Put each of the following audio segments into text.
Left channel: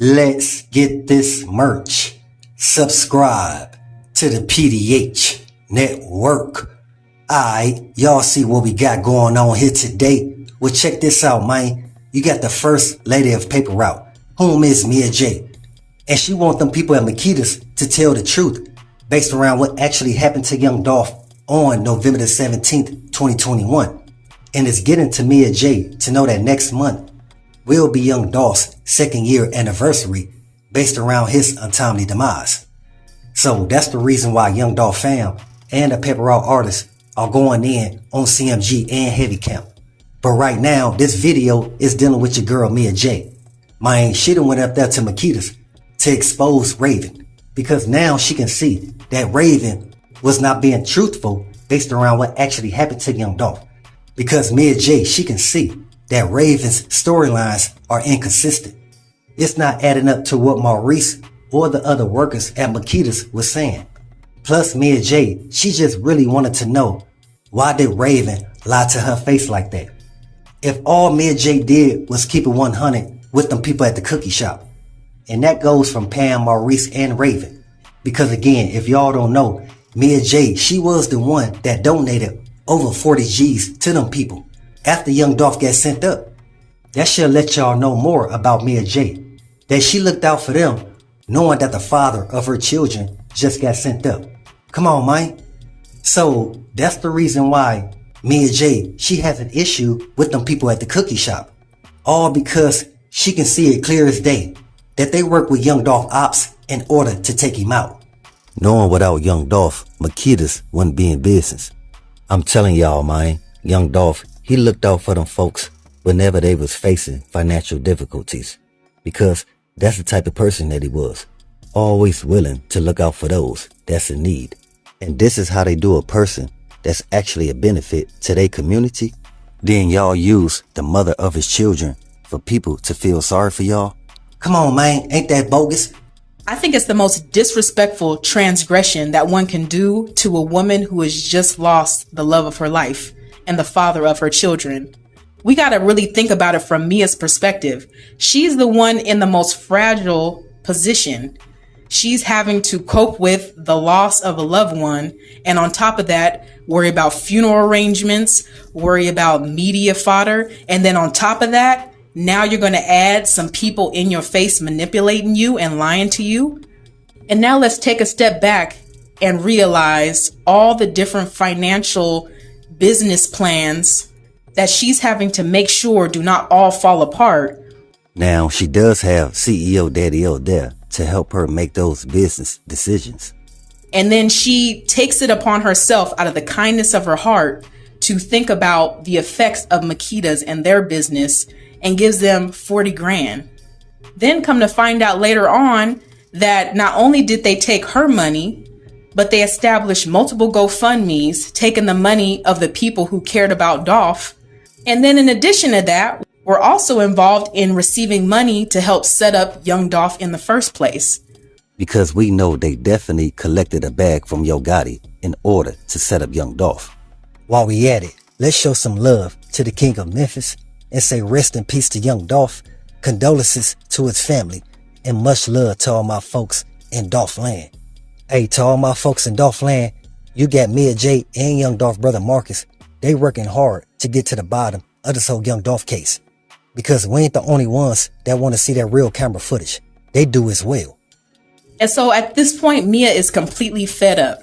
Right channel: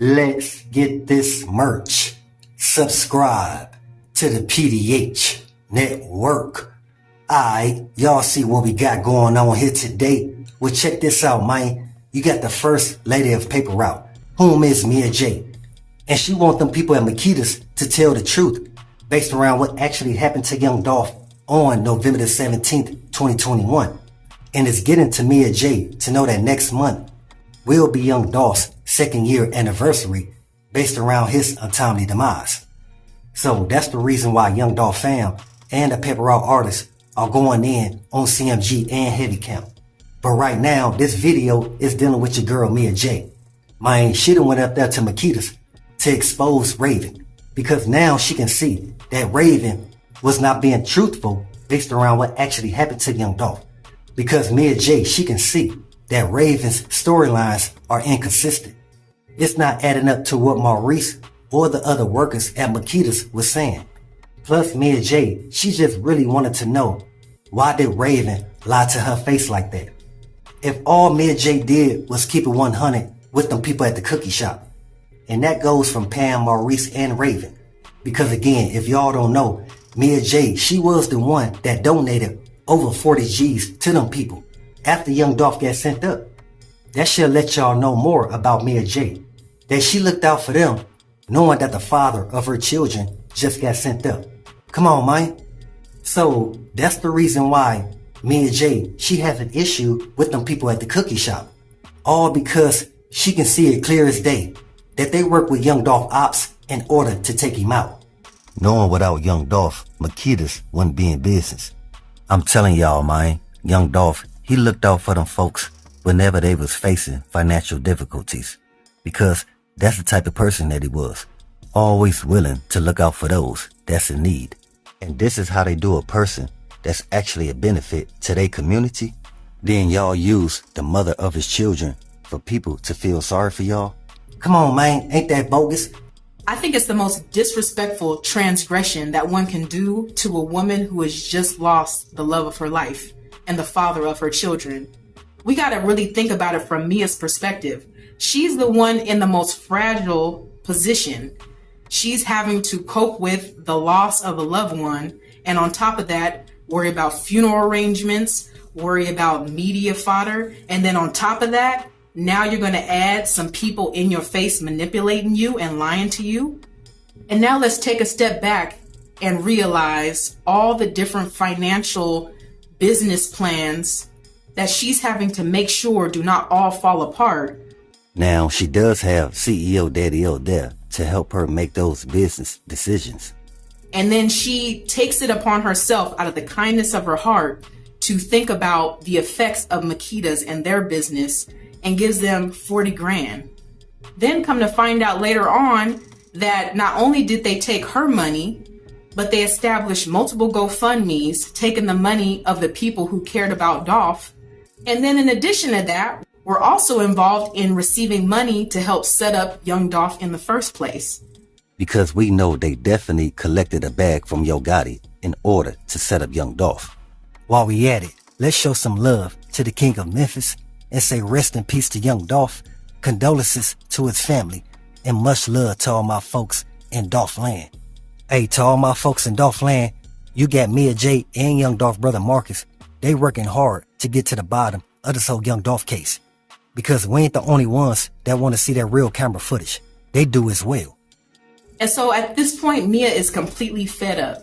Let's get this merch. Subscribe to the PDH Network. Alright, y'all see what we got going on here today? Well, check this out, man. You got the first lady of Paper Route, whom is Mia Jaye. And she want them people at Makita's to tell the truth based around what actually happened to young Dolph on November the 17th, 2021. And it's getting to Mia Jaye to know that next month will be young Dolph's second year anniversary based around his untimely demise. So that's the reason why young Dolph fam and the Paper Route artists are going in on CMG and Heavy Camp. But right now, this video is dealing with your girl Mia Jaye. Man, she done went up there to Makita's to expose Raven, because now she can see that Raven was not being truthful based around what actually happened to young Dolph. Because Mia Jaye, she can see that Raven's storylines are inconsistent. It's not adding up to what Maurice or the other workers at Makita's was saying. Plus Mia Jaye, she just really wanted to know, why did Raven lie to her face like that? If all Mia Jaye did was keep it 100 with them people at the cookie shop. And that goes from Pam, Maurice, and Raven. Because again, if y'all don't know, Mia Jaye, she was the one that donated over 40 G's to them people after young Dolph got sent up. That should let y'all know more about Mia Jaye. That she looked out for them, knowing that the father of her children just got sent up. Come on, man. So that's the reason why Mia Jaye, she has an issue with them people at the cookie shop. All because she can see it clear as day that they work with young Dolph ops in order to take him out. Knowing without young Dolph, Makita's wouldn't be in business. I'm telling y'all, man, young Dolph, he looked out for them folks whenever they was facing financial difficulties. Because that's the type of person that he was. Always willing to look out for those that's in need. And this is how they do a person that's actually a benefit to their community. Then y'all use the mother of his children for people to feel sorry for y'all. Come on, man, ain't that bogus? I think it's the most disrespectful transgression that one can do to a woman who has just lost the love of her life and the father of her children. We got to really think about it from Mia's perspective. She's the one in the most fragile position. She's having to cope with the loss of a loved one. And on top of that, worry about funeral arrangements, worry about media fodder. And then on top of that, now you're going to add some people in your face manipulating you and lying to you. And now let's take a step back and realize all the different financial business plans that she's having to make sure do not all fall apart. Now, she does have CEO Daddy O there to help her make those business decisions. And then she takes it upon herself out of the kindness of her heart to think about the effects of Makita's and their business and gives them 40 grand. Then come to find out later on that not only did they take her money, but they established multiple GoFundMes, taking the money of the people who cared about Dolph. And then in addition to that, we're also involved in receiving money to help set up young Dolph in the first place. Because we know they definitely collected a bag from Yo Gotti in order to set up young Dolph. While we at it, let's show some love to the King of Memphis and say rest in peace to young Dolph, condolences to his family, and much love to all my folks in Dolph land. Hey, to all my folks in Dolph land, you got Mia Jaye and young Dolph brother Marcus. They working hard to get to the bottom of this whole young Dolph case. Because we ain't the only ones that want to see that real camera footage. They do as well. And so at this point, Mia is completely fed up.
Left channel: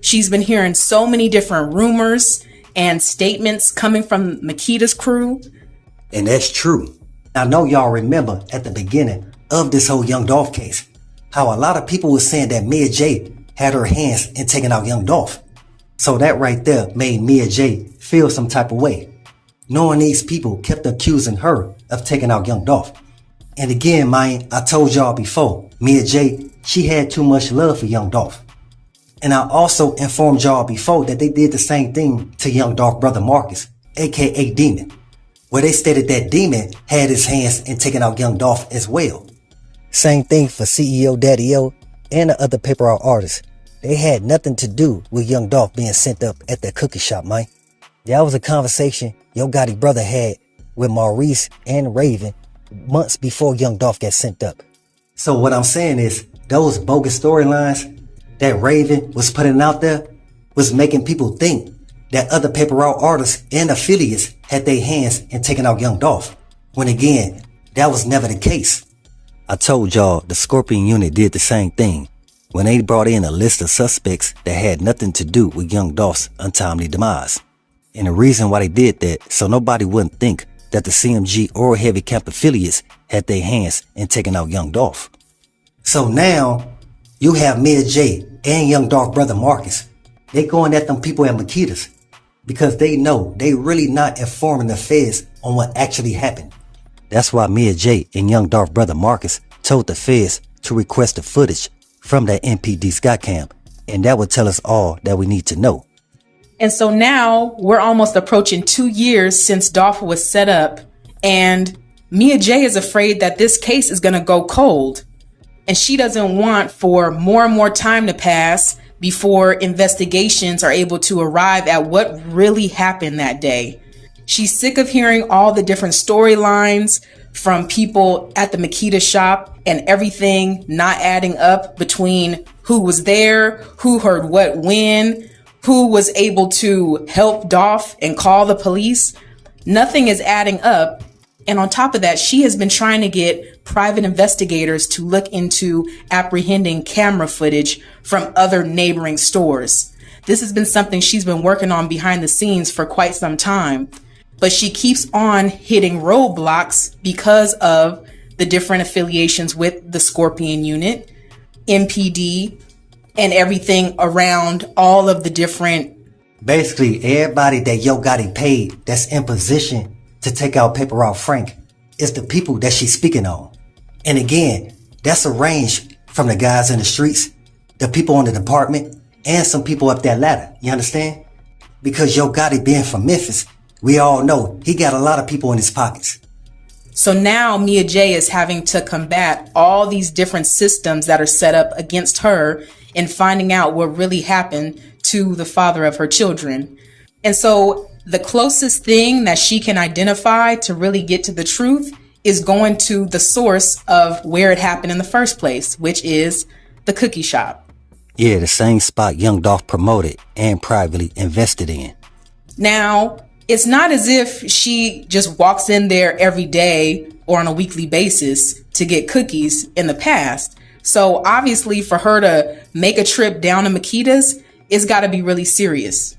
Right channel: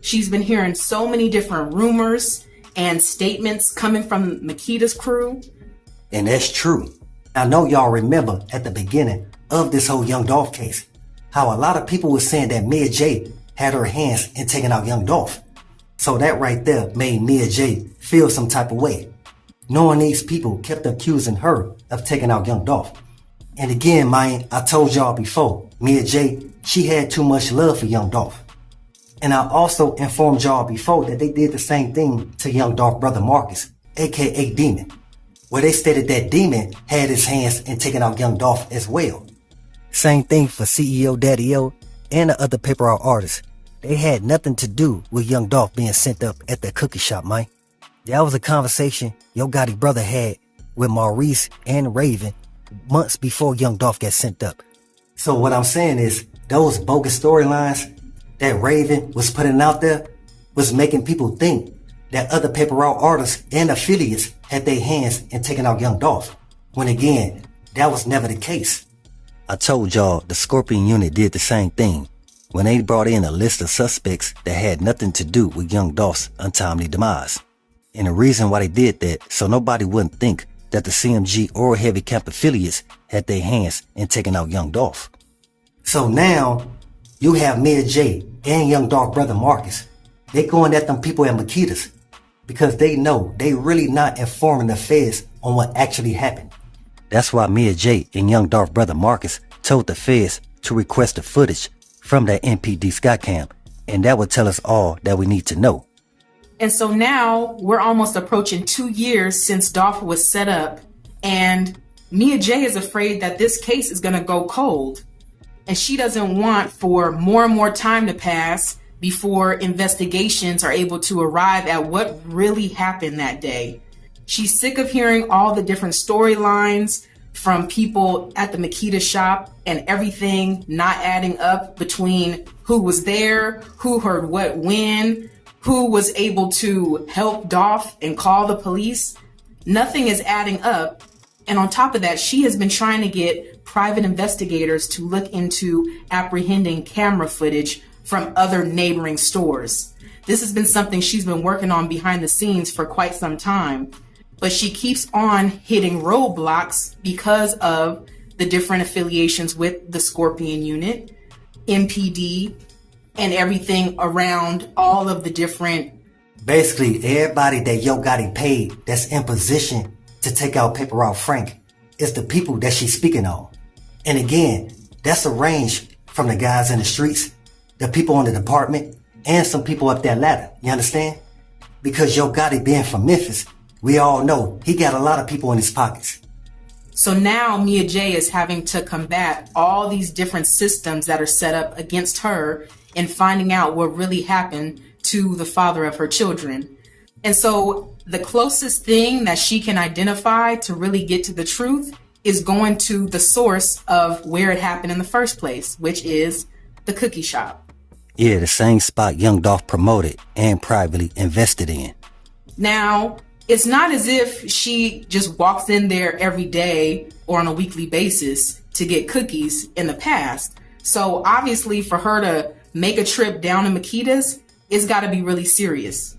She's been hearing so many different rumors and statements coming from Makita's crew. And that's true. I know y'all remember at the beginning of this whole young Dolph case, how a lot of people were saying that Mia Jaye had her hands in taking out young Dolph. So that right there made Mia Jaye feel some type of way, knowing these people kept accusing her of taking out young Dolph. And again, man, I told y'all before, Mia Jaye, she had too much love for young Dolph. And I also informed y'all before that they did the same thing to young Dolph brother Marcus, aka Demon, where they stated that Demon had his hands in taking out young Dolph as well. Same thing for CEO Daddy O and the other Paper Route artists. They had nothing to do with young Dolph being sent up at that cookie shop, man. That was a conversation Yo Gotti brother had with Maurice and Raven months before young Dolph got sent up. So what I'm saying is, those bogus storylines that Raven was putting out there was making people think that other paper route artists and affiliates had their hands in taking out Young Dolph, when again, that was never the case. I told y'all the Scorpion unit did the same thing when they brought in a list of suspects that had nothing to do with Young Dolph's untimely demise. And the reason why they did that, so nobody wouldn't think that the CMG or Heavy Camp affiliates had their hands in taking out Young Dolph. So now, you have Mia Jaye and Young Dolph brother Marcus. They going at them people at Makita's because they know they really not informing the feds on what actually happened. That's why Mia Jaye and Young Dolph brother Marcus told the feds to request the footage from that MPD Skycam, and that would tell us all that we need to know. And so now we're almost approaching 2 years since Dolph was set up, and Mia Jaye is afraid that this case is going to go cold. And she doesn't want for more and more time to pass before investigations are able to arrive at what really happened that day. She's sick of hearing all the different storylines from people at the Makita shop and everything not adding up between who was there, who heard what when, who was able to help Dolph and call the police. Nothing is adding up. And on top of that, she has been trying to get private investigators to look into apprehending camera footage from other neighboring stores. This has been something she's been working on behind the scenes for quite some time, but she keeps on hitting roadblocks because of the different affiliations with the Scorpion unit, MPD, and everything around all of the different. Basically, everybody that Yo Gotti paid that's in position to take out Paper Route Frank is the people that she's speaking on. And again, that's a range from the guys in the streets, the people in the department, and some people up that ladder. You understand? Because Yo Gotti being from Memphis, we all know he got a lot of people in his pockets. So now Mia Jaye is having to combat all these different systems that are set up against her in finding out what really happened to the father of her children. And so the closest thing that she can identify to really get to the truth is going to the source of where it happened in the first place, which is the cookie shop. Yeah, the same spot Young Dolph promoted and privately invested in. Now, it's not as if she just walks in there every day or on a weekly basis to get cookies in the past. So obviously for her to make a trip down to Makita's, it's got to be really serious.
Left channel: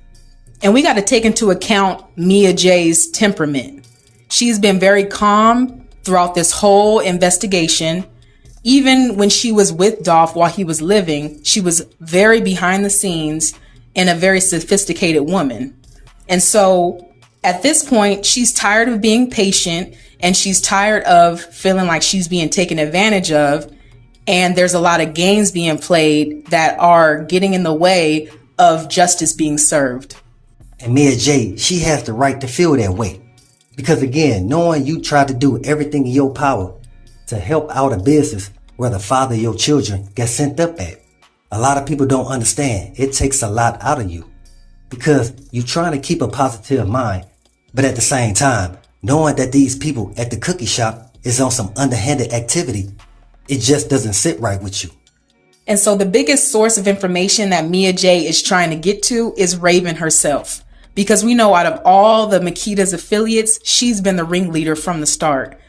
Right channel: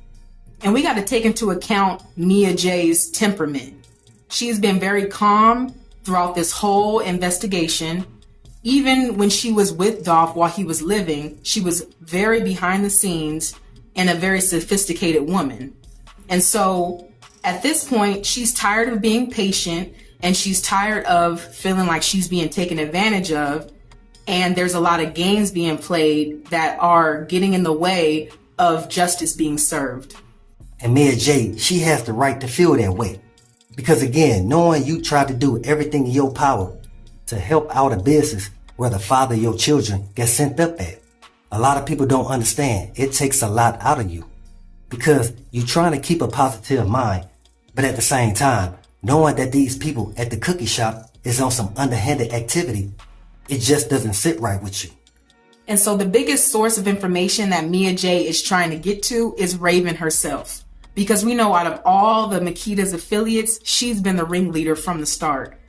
And we got to take into account Mia Jaye's temperament. She's been very calm throughout this whole investigation. Even when she was with Dolph while he was living, she was very behind the scenes and a very sophisticated woman. And so at this point, she's tired of being patient and she's tired of feeling like she's being taken advantage of. And there's a lot of games being played that are getting in the way of justice being served. And Mia Jaye, she has the right to feel that way. Because again, knowing you tried to do everything in your power to help out a business where the father of your children got sent up at, a lot of people don't understand. It takes a lot out of you. Because you're trying to keep a positive mind, but at the same time, knowing that these people at the cookie shop is on some underhanded activity, it just doesn't sit right with you. And so the biggest source of information that Mia Jaye is trying to get to is Raven herself. Because we know out of all the Makita's affiliates, she's been the ringleader from the start.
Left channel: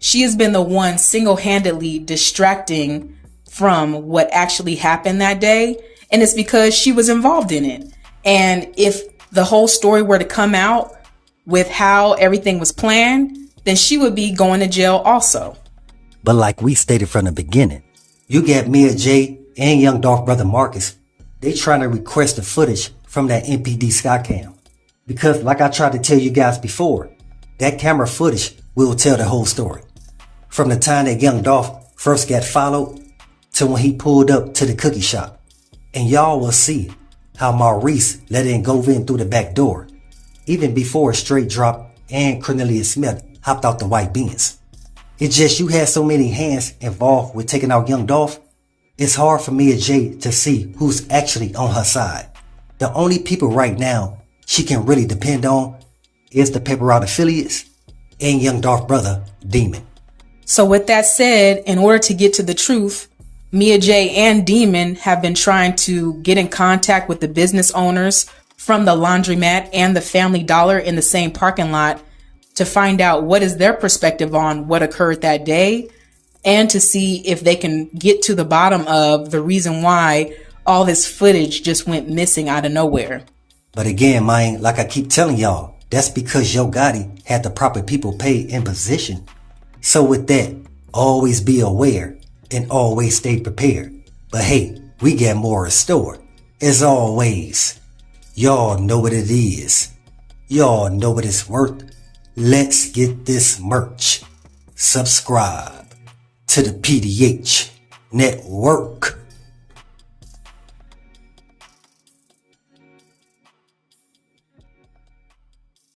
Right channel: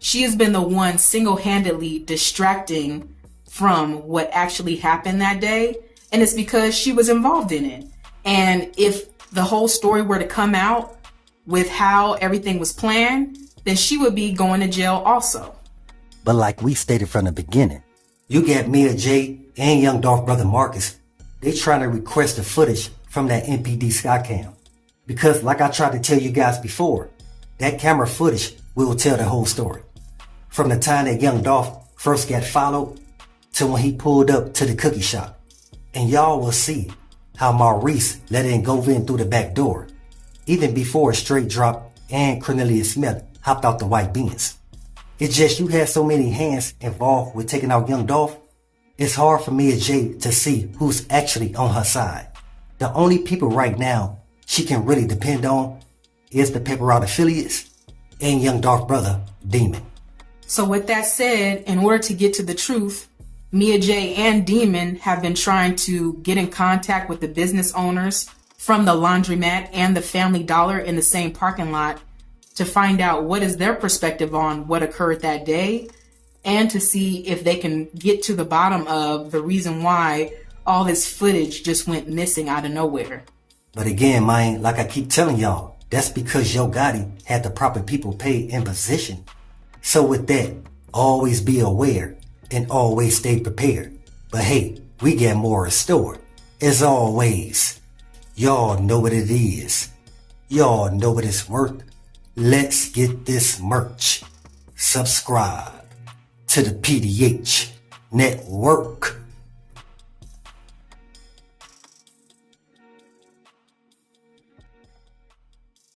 She has been the one single-handedly distracting from what actually happened that day. And it's because she was involved in it. And if the whole story were to come out with how everything was planned, then she would be going to jail also. But like we stated from the beginning, you got Mia Jaye and Young Dolph brother Marcus. They trying to request the footage from that MPD Skycam. Because like I tried to tell you guys before, that camera footage will tell the whole story. From the time that Young Dolph first got followed to when he pulled up to the cookie shop. And y'all will see how Maurice let him go in through the back door, even before Straight Drop and Cornelius Smith hopped out the white Benz. It's just you had so many hands involved with taking out Young Dolph, it's hard for Mia Jaye to see who's actually on her side. The only people right now she can really depend on is the Paper Route affiliates and Young Dolph brother, Demon. So with that said, in order to get to the truth, Mia Jaye and Demon have been trying to get in contact with the business owners from the laundromat and the Family Dollar in the same parking lot to find out what is their perspective on what occurred that day, and to see if they can get to the bottom of the reason why all this footage just went missing out of nowhere. But again, man, like I keep telling y'all, that's because Yo Gotti had the proper people paid in position. So with that, always be aware and always stay prepared. But hey, we got more in store. As always, y'all know what it is. Y'all know what it's worth. Let's get this merch. Subscribe to the PDH Network.